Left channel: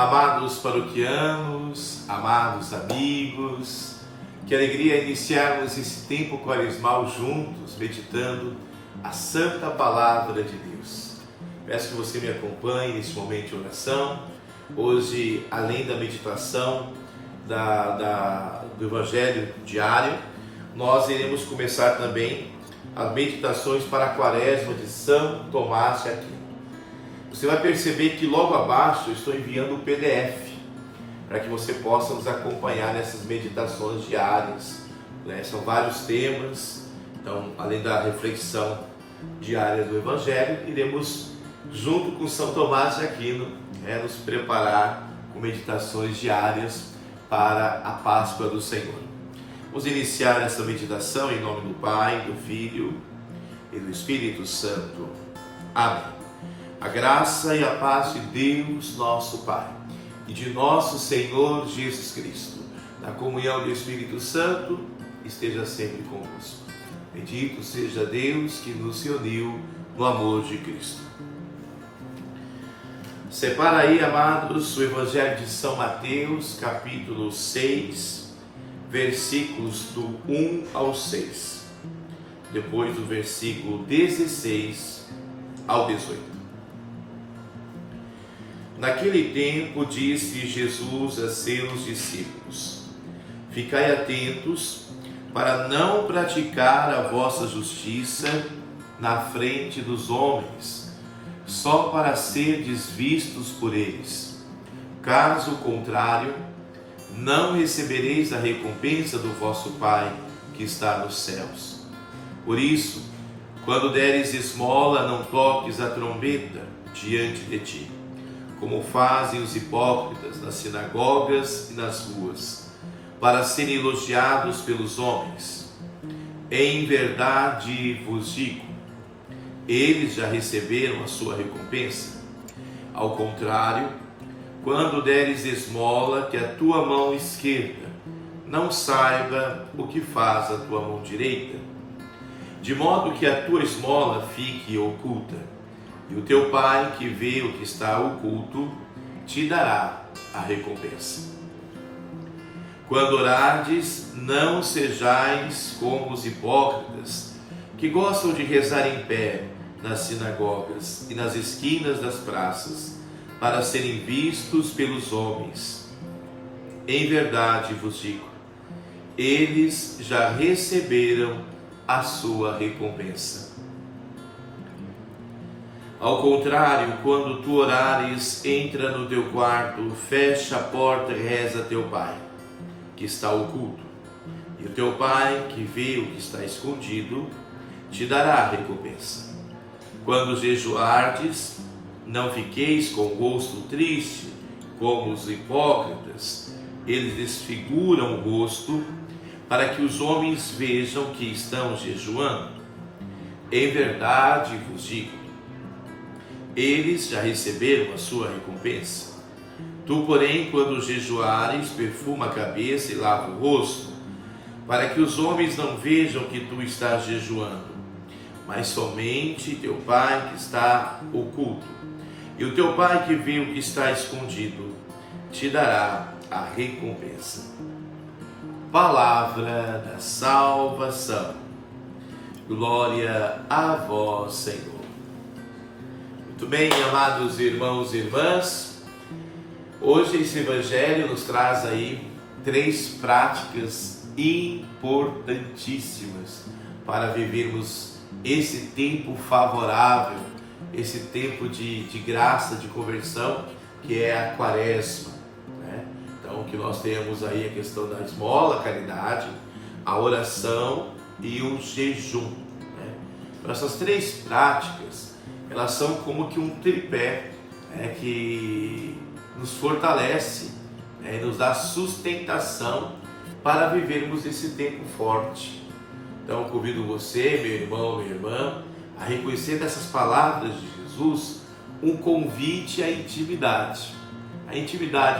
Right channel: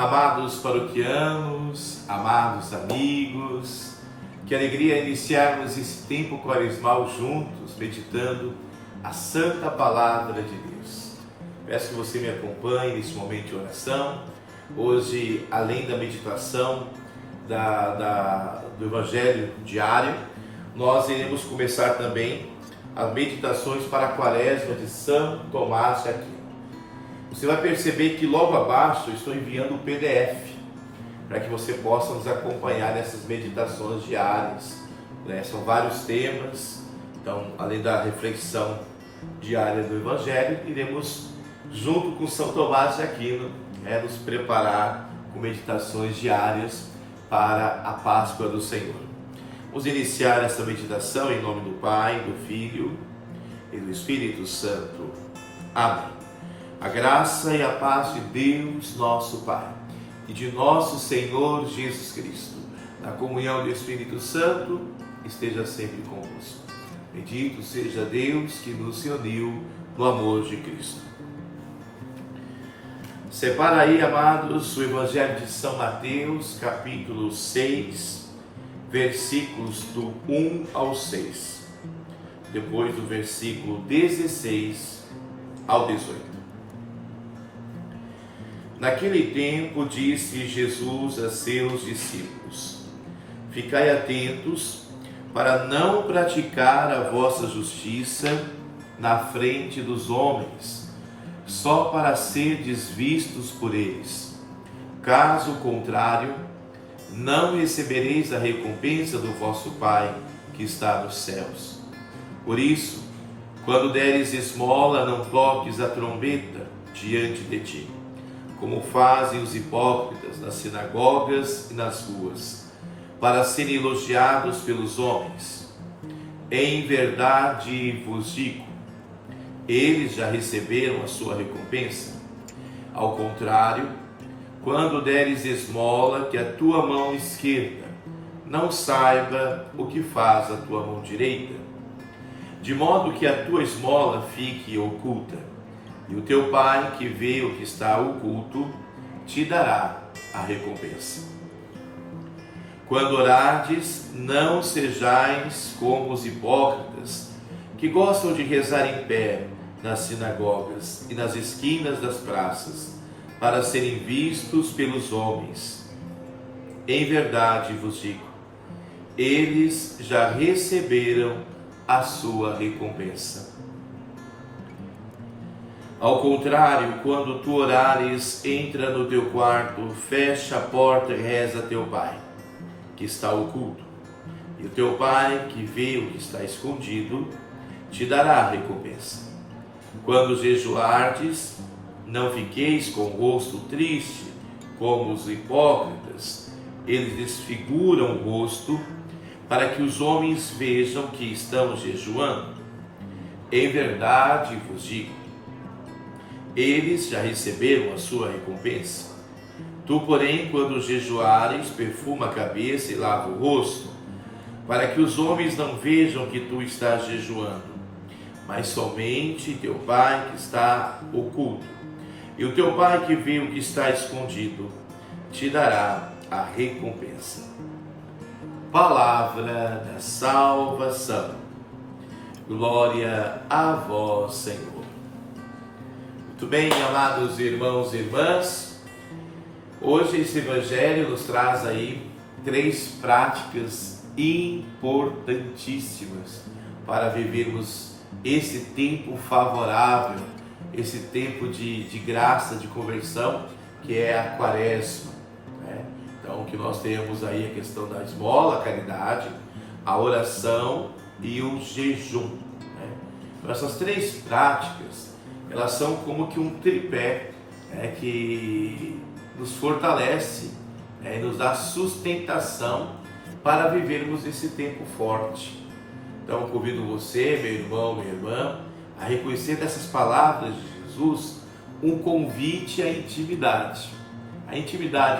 Amados paroquianos, amados amigos, que alegria iniciarmos esse tempo quaresmal juntos, meditando a Santa Palavra de Deus. Peço que você me acompanhe nesse momento de oração. Hoje, além da meditação do Evangelho diário, nós iremos começar também as meditações para a Quaresma de São Tomás de Aquino. Você vai perceber que logo abaixo eu estou enviando o PDF para que você possa nos acompanhar nessas meditações diárias, né? São vários temas, então além da reflexão diária do Evangelho, iremos junto com São Tomás de Aquino, nos preparar com meditações diárias para a Páscoa do Senhor. Vamos iniciar essa meditação em nome do Pai, do Filho e do Espírito Santo. Amém. A graça e a paz de Deus, nosso Pai, e de nosso Senhor Jesus Cristo, na comunhão do Espírito Santo, esteja sempre convosco. Bendito seja Deus que nos uniu no amor de Cristo. Separa aí, amados, o Evangelho de São Mateus, capítulo 6, versículos do 1 ao 6. Depois do versículo 16 ao 18. Naquele tempo disse Jesus a seus discípulos: Ficai atentos para não praticar a vossa justiça na frente dos homens, só para serdes vistos por eles. Caso contrário, não recebereis a recompensa do vosso Pai que está nos céus. Por isso, quando deres esmola, não toques a trombeta diante de ti, como fazem os hipócritas nas sinagogas e nas ruas, para serem elogiados pelos homens. Em verdade vos digo, eles já receberam a sua recompensa. Ao contrário, quando deres esmola, que a tua mão esquerda não saiba o que faz a tua mão direita, de modo que a tua esmola fique oculta, e o teu Pai, que vê o que está oculto, te dará a recompensa. Quando orardes, não sejais como os hipócritas, que gostam de rezar em pé nas sinagogas e nas esquinas das praças, para serem vistos pelos homens. Em verdade vos digo, eles já receberam a sua recompensa. Ao contrário, quando tu orares, entra no teu quarto, fecha a porta e reza a teu Pai, que está oculto. E o teu Pai, que vê o que está escondido, te dará a recompensa. Quando jejuardes, não fiqueis com o rosto triste, como os hipócritas. Eles desfiguram o rosto, para que os homens vejam que estão jejuando. Em verdade vos digo, eles já receberam a sua recompensa. Tu, porém, quando jejuares, perfuma a cabeça e lava o rosto, para que os homens não vejam que tu estás jejuando, mas somente teu Pai que está oculto. E o teu Pai que vê o que está escondido, te dará a recompensa. Palavra da salvação. Glória a vós, Senhor. Muito bem, amados irmãos e irmãs, hoje esse Evangelho nos traz aí 3 práticas importantíssimas para vivermos esse tempo favorável, esse tempo de graça, de conversão, que é a Quaresma, né? Então, que nós temos aí a questão da esmola, a caridade, a oração e o jejum, né? Então, essas 3 práticas, elas são como que um tripé, né, que nos fortalece, né, e nos dá sustentação para vivermos esse tempo forte. Então, convido você, meu irmão, minha irmã, a reconhecer dessas palavras de Jesus um convite à intimidade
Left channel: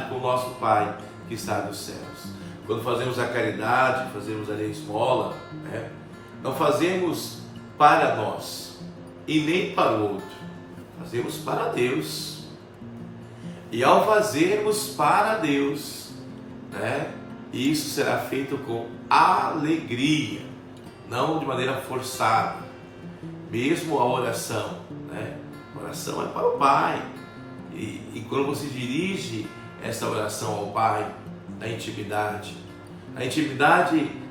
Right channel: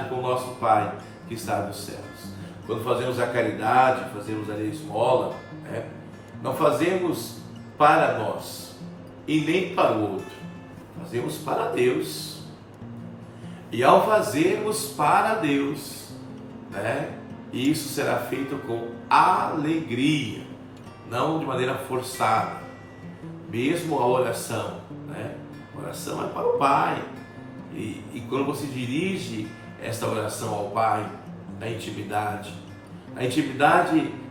com o nosso Pai que está nos céus. Quando fazemos a caridade, fazemos a esmola, né, não fazemos para nós e nem para o outro, fazemos para Deus. E ao fazermos para Deus, né, isso será feito com alegria, não de maneira forçada. Mesmo a oração, né? A oração é para o Pai. E quando você dirige essa oração ao Pai, na intimidade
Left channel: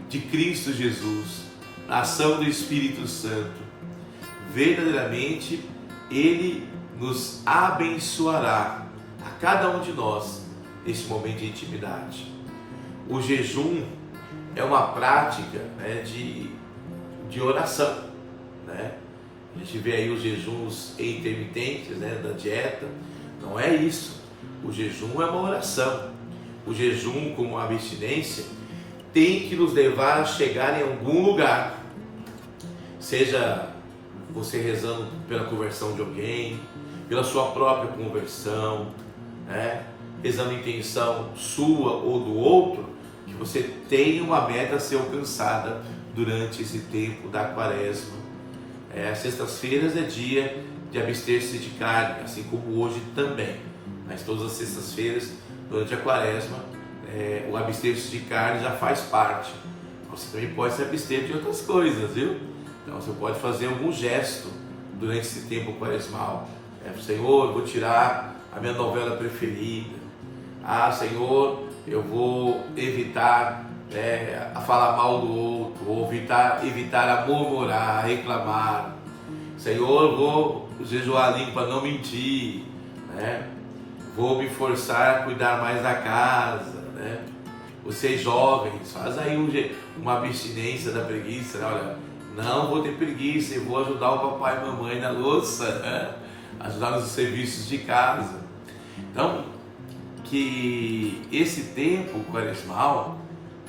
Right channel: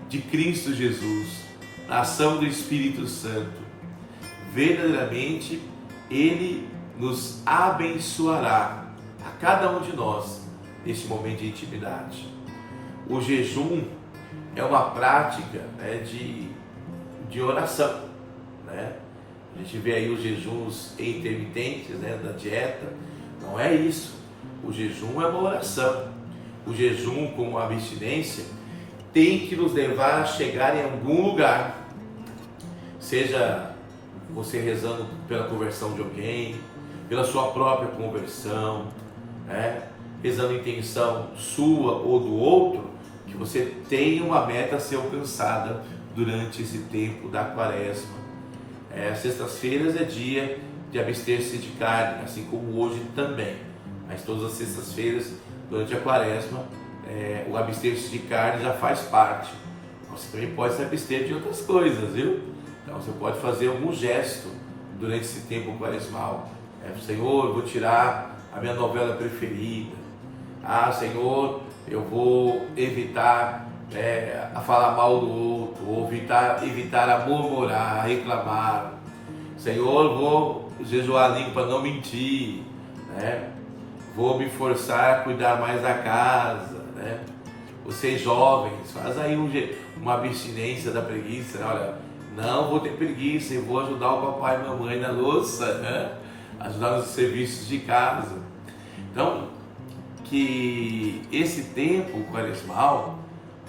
de Cristo Jesus, na ação do Espírito Santo, verdadeiramente Ele nos abençoará, a cada um de nós, neste momento de intimidade. O jejum é uma prática, né, de oração, né? A gente vê aí os jejuns intermitentes, né, da dieta. Não é isso. O jejum é uma oração. O jejum, como a abstinência, tem que nos levar a chegar em algum lugar. Seja você rezando pela conversão de alguém, pela sua própria conversão, né? Rezando a intenção sua ou do outro, que você tenha uma meta a ser alcançada durante esse tempo da quaresma. Sextas-feiras é dia de abster-se de carne, assim como hoje também. Mas todas as sextas-feiras, durante a quaresma, o abster-se de carne já faz parte. Você também pode se abster de outras coisas, viu? Então você pode fazer algum gesto durante esse tempo quaresmal. Senhor, eu vou tirar a minha novela preferida. Senhor, eu vou evitar a falar mal do outro, ou evitar a murmurar, a reclamar. Senhor, vou jejuar a língua para não mentir, né? Vou me forçar a cuidar mais da casa, né? Vocês jovens, faz aí uma abstinência da preguiça, né? Olha, não vou ter preguiça, eu vou ajudar o papai e mamãe na louça, né? Ajudar nos serviços de casa. Então, que esse tempo quaresmal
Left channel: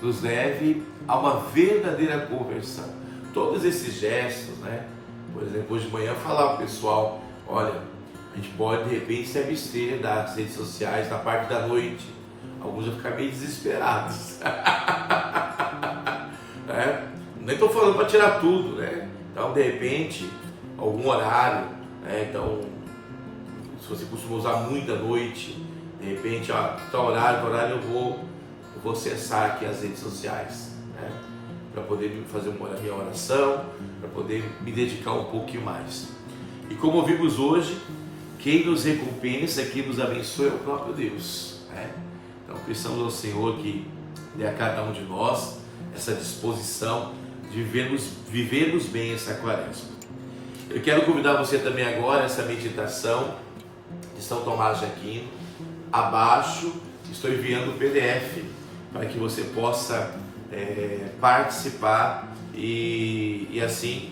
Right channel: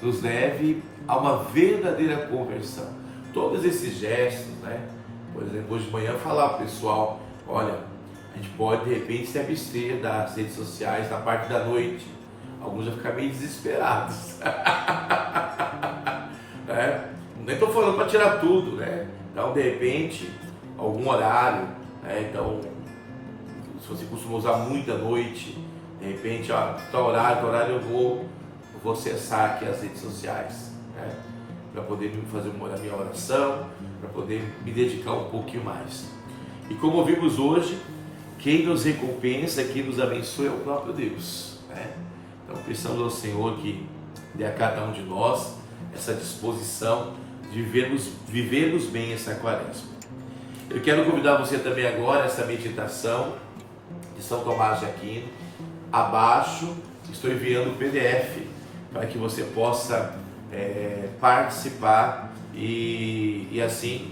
nos leve a uma verdadeira conversão. Todos esses gestos, né? Por exemplo, hoje de manhã falar para o pessoal, olha, a gente pode de repente se abster das redes sociais na parte da noite. Alguns vão ficar meio desesperados. Nem estou falando para tirar tudo, né? Então, de repente, algum horário, né? Então, se você costuma usar muito à noite, de repente, tal horário eu vou acessar aqui as redes sociais, né? Para poder fazer a minha oração, para poder me dedicar um pouquinho mais. E como vimos hoje, quem nos recompensa, quem nos abençoa é o próprio Deus, né? Então precisamos ao Senhor que dê a cada um de nós essa disposição de vivermos bem essa quaresma. Eu quero convidar você também agora a essa meditação de São Tomás de Aquino. Abaixo estou enviando o PDF para que você possa participar e assim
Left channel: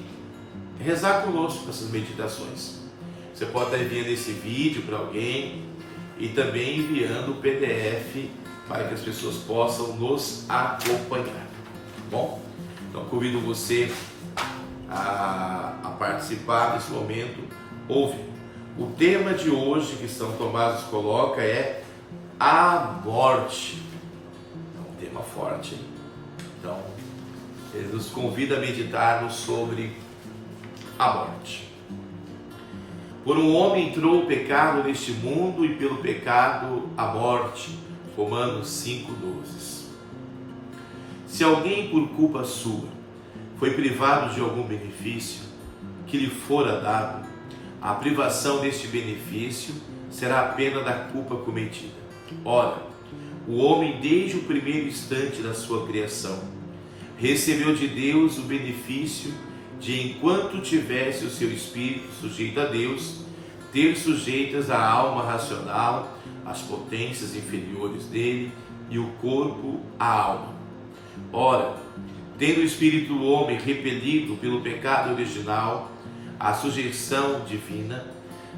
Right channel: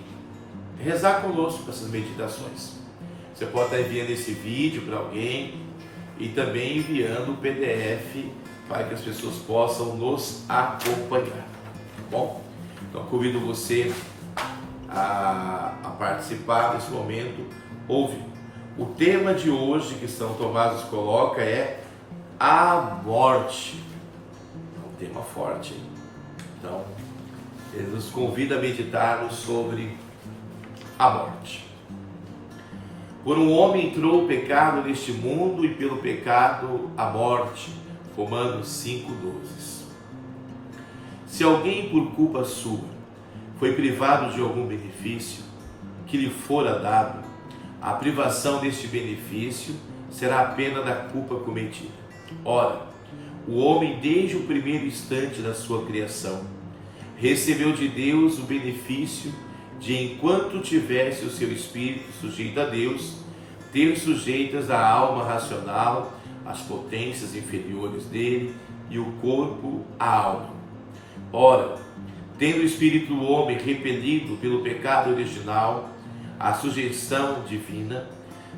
rezar conosco essas meditações. Você pode estar enviando esse vídeo para alguém e também enviando o PDF para que as pessoas possam nos acompanhar, tá bom? Então convido você a participar desse momento. Ouve, o tema de hoje que São Tomás nos coloca é a morte. É um tema forte, hein? Então ele nos convida a meditarmos sobre a morte. Por um homem entrou o pecado neste mundo e pelo pecado a morte. Romanos 5,12. Se alguém por culpa sua foi privado de algum benefício que lhe fora dado, a privação deste benefício será a pena da culpa cometida. Ora, o homem desde o primeiro instante da sua criação recebeu de Deus o benefício de, enquanto tivesse o seu espírito sujeito a Deus, ter sujeitas a alma racional, as potências inferiores dele e o corpo a alma. Ora, tendo o espírito do homem repelido pelo pecado original, a sujeição divina,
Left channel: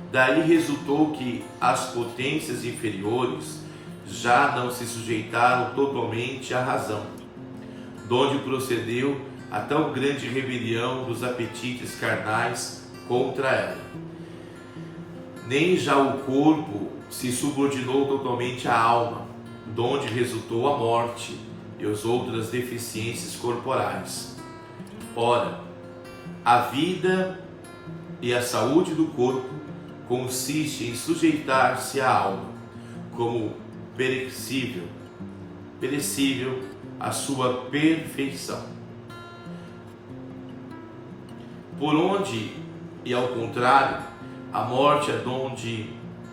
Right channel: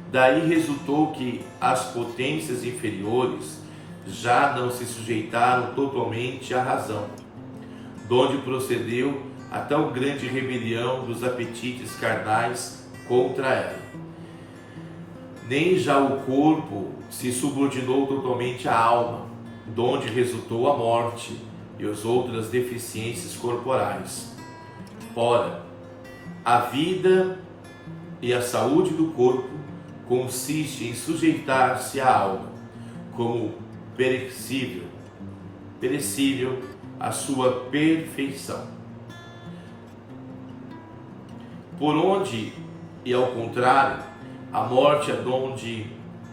daí resultou que as potências inferiores já não se sujeitaram totalmente à razão, donde procedeu a tão grande rebelião dos apetites carnais contra ela. Nem já o corpo se subordinou totalmente à alma, donde resultou a morte e as outras deficiências corporais. Ora, a vida e a saúde do corpo consiste em sujeitar-se à alma, como perecível a sua perfeição. Por onde, e ao contrário, a morte é donde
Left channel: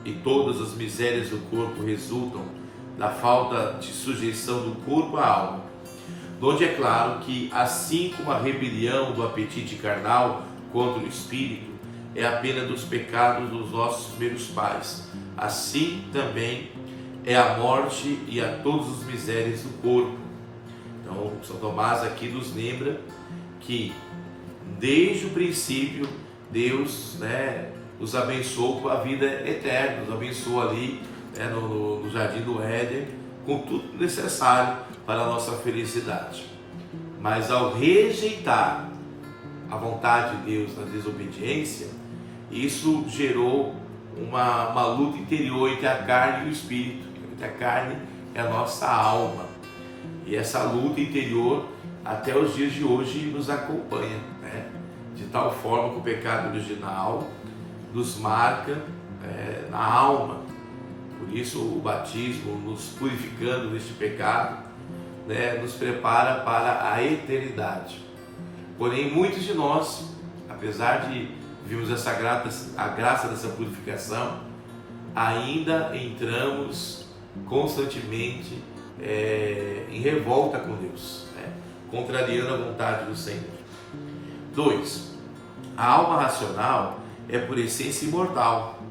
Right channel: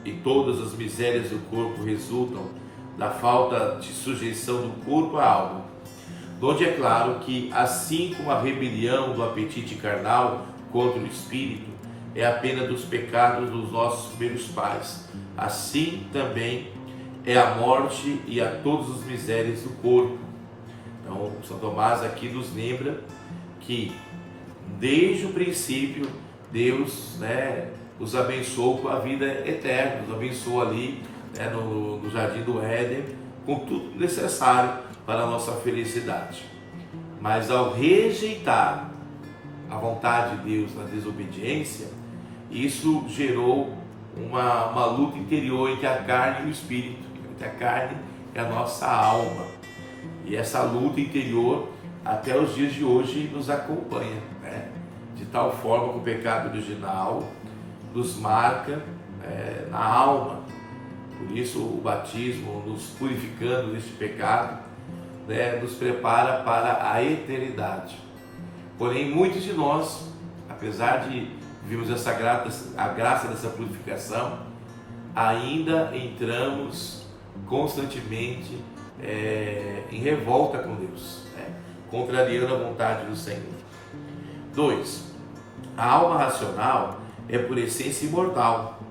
e todas as misérias do corpo resultam da falta de sujeição do corpo à alma, donde é claro que, assim como a rebelião do apetite carnal contra o espírito é a pena dos pecados dos nossos primeiros pais, assim também é a morte e a todas as misérias do corpo. Então, São Tomás aqui nos lembra que desde o princípio Deus, os abençoou com a vida eterna, nos abençoou ali, no jardim do Éden, com tudo necessário para a nossa felicidade. Mas ao rejeitar a vontade de Deus na desobediência, isso gerou uma luta interior entre a carne e o espírito, entre a carne e a nossa alma. E essa luta interior até os dias de hoje nos acompanha, de tal forma que o pecado original nos marca na alma. Por isso o batismo, nos purificando deste pecado, nos prepara para a eternidade. Porém, muitos de nós, apesar de vivermos a graça dessa purificação, ainda entramos constantemente em revolta com Deus, contrariando a vontade do Senhor. 2. A alma racional é por essência imortal,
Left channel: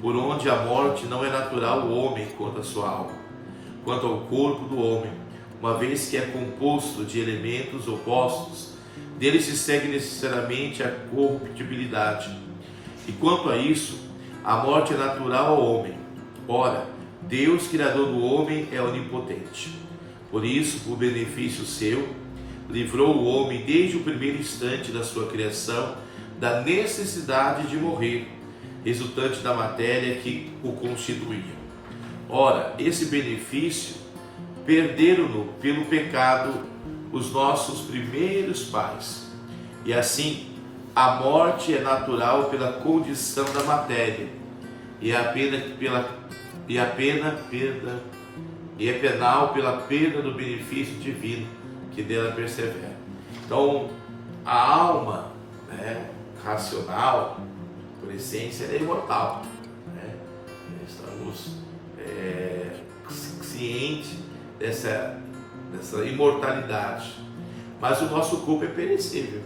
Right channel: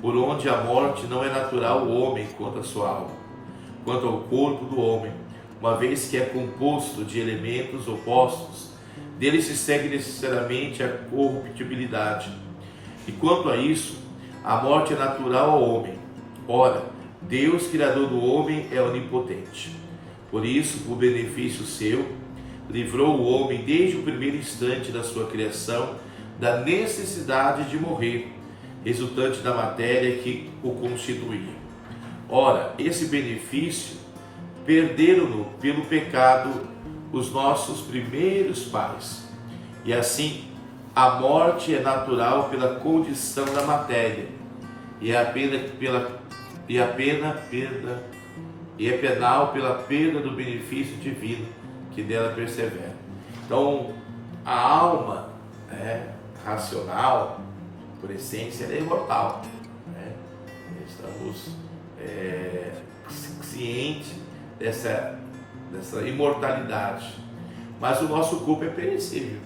por onde a morte não é natural ao homem quanto à sua alma, quanto ao corpo do homem, uma vez que é composto de elementos opostos, dele se segue necessariamente a corruptibilidade. E quanto a isso, a morte é natural ao homem. Ora, Deus, Criador do homem, é onipotente. Por isso, por benefício seu, livrou o homem desde o primeiro instante da sua criação da necessidade de morrer, resultante da matéria que o constituía. Ora, esse benefício perderam-no pelo pecado os nossos primeiros pais, e assim a morte é natural pela condição da matéria, e é penal pela perda do benefício divino que dela persevera. Então, a alma racional, por essência, é imortal. Estamos cientes dessa imortalidade. Mas o nosso corpo é perecível.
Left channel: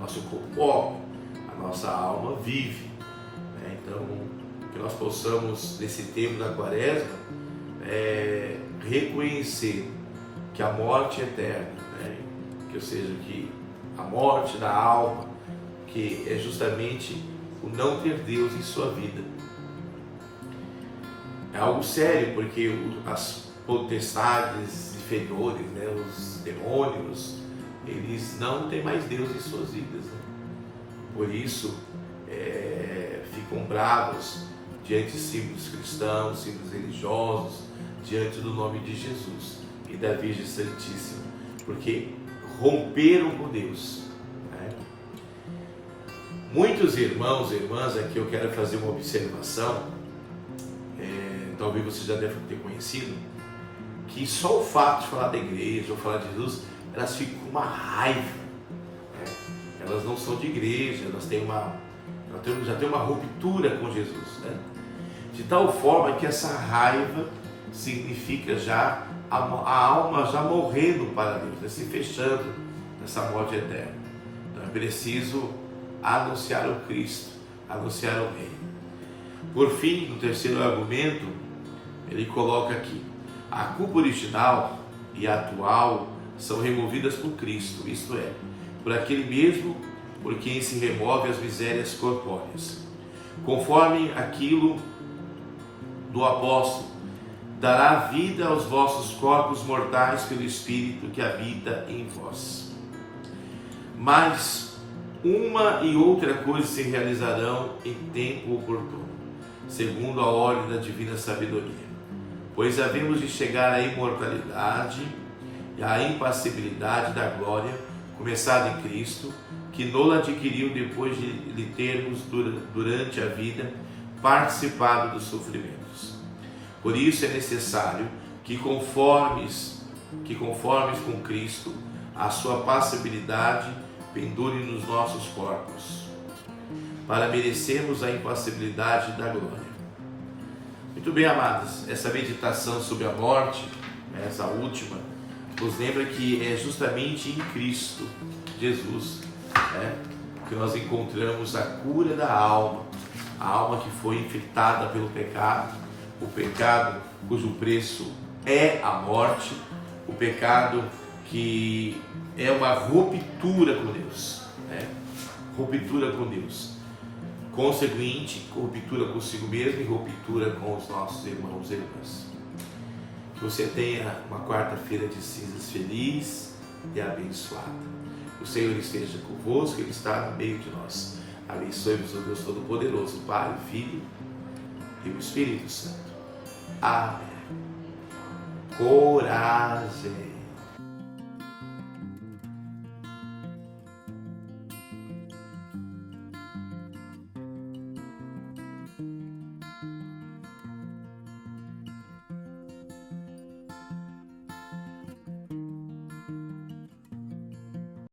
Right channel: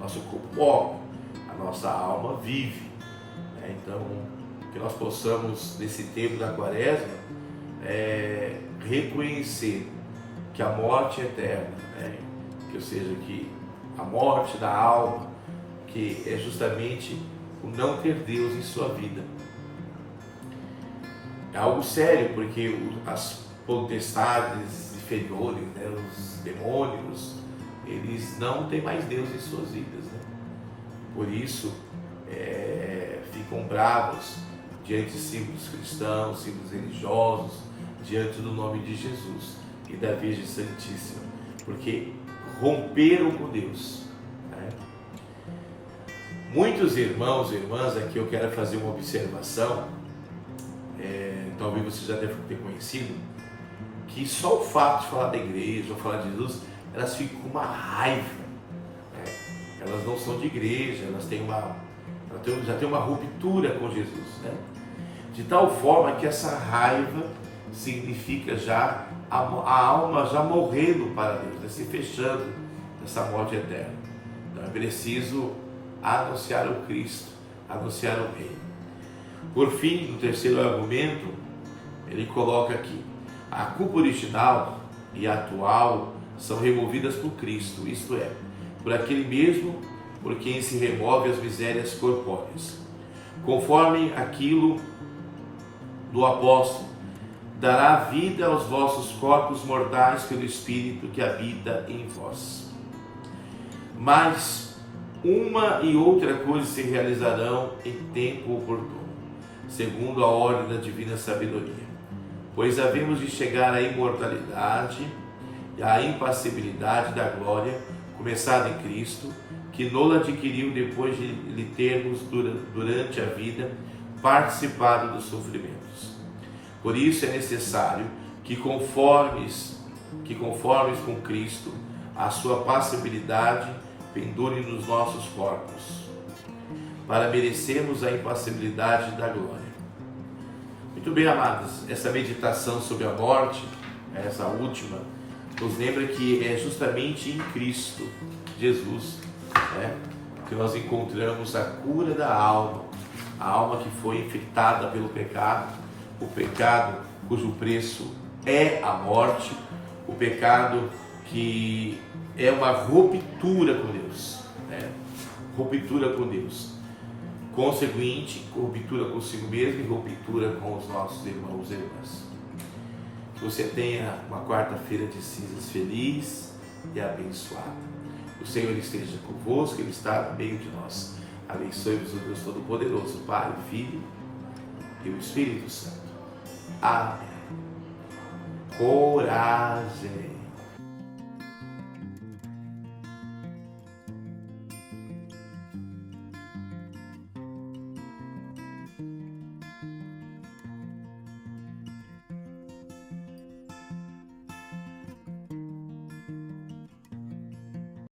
Nosso corpo morre, a nossa alma vive. Então, que nós possamos, nesse tempo da Quaresma, reconhecer que a morte é eterna, que, ou seja, que a morte da alma, que é justamente o não ter Deus em sua vida. É algo sério, porque as potestades inferiores, os demônios, eles não têm mais Deus em suas vidas, E por isso ficam bravos diante de símbolos cristãos, símbolos religiosos, diante do nome de Jesus e da Virgem Santíssima, porque romperam com Deus. Muitos irmãos e irmãs, aqui eu quero fazer uma observação, talvez você já deve ter conhecido, que só o fato de falar da igreja ou falar de Jesus, elas ficam com uma raiva. Elas não são de igreja, elas já têm uma ruptura com Jesus, de tal forma que essa raiva significa já a alma já morrendo para Deus, se fechando nessa morte eterna. Então é preciso anunciar o Cristo, anunciar o Reino. Por fim, no terceiro argumento, ele coloca aqui: a culpa original e atual são removidas por Cristo, isto é, por aquele mesmo por quem se remove as misérias corpóreas. Conforme aquilo do apóstolo, dará vida aos vossos corpos mortais pelo Espírito que habita em vós. Mas uma e outra coisa se realizarão em tempo oportuno, segundo a ordem da divina sabedoria. Pois havemos de chegar à imortalidade e à impassibilidade da glória, começada em Cristo, que nola adquiriu depois de lhe termos, durante a vida, participado dos sofrimentos. Por isso é necessário que conformes com Cristo, a sua passibilidade pendure nos nossos corpos, para merecermos a impassibilidade da glória. Muito bem, amados, essa meditação sobre a morte, essa última, nos lembra que é justamente em Cristo Jesus, que nós encontramos a cura da alma, a alma que foi infectada pelo pecado, o pecado cujo preço é a morte, o pecado que é uma ruptura com Deus, ruptura com Deus, consequente, ruptura consigo mesmo e ruptura com os nossos irmãos e irmãs. Que você tenha uma quarta-feira de cinzas feliz e abençoada. O Senhor esteja convosco, Ele está no meio de nós. Abençoe-vos o Deus Todo-Poderoso, Pai, Filho e o Espírito Santo. Amém. Coragem.